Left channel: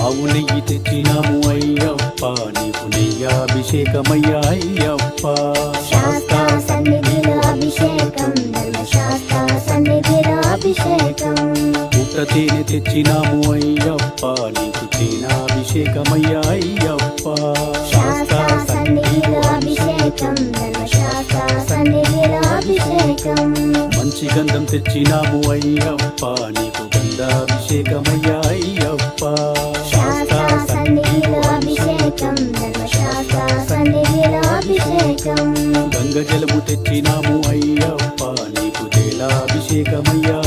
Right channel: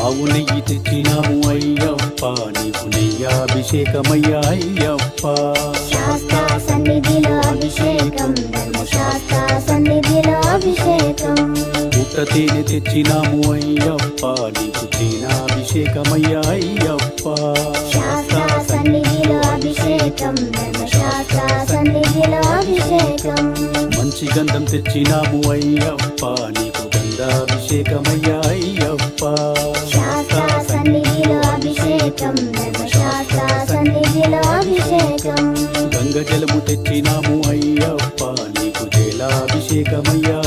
ఆవు నెయ్యి తెచ్చినాము అయ్యప్ప నీకు నెయ్యాభిషేకమయ్యా అయ్యప్ప శాస్త్ర సన్నిధిలో అభిషేకం ధర్మశాస్త్ర సన్నిధిలో అభిషేకం పుట్ట తేనె తెచ్చినాము అయ్యప్ప నీకు తేనాభిషేకమయ్యా అయ్యప్ప శాస్త్ర సన్నిధిలో అభిషేకం ధర్మశాస్త్ర సన్నిధిలో అభిషేకం మంచి గంధం తెచ్చినాము అయ్యప్ప నీకు గంధాభిషేకమయ్యా అయ్యప్ప శాస్త్ర సన్నిధిలో అభిషేకం ధర్మశాస్త్ర సన్నిధిలో అభిషేకం గంగ జలము తెచ్చినాము అయ్యప్ప నీకు జలాభిషేకమయ్యా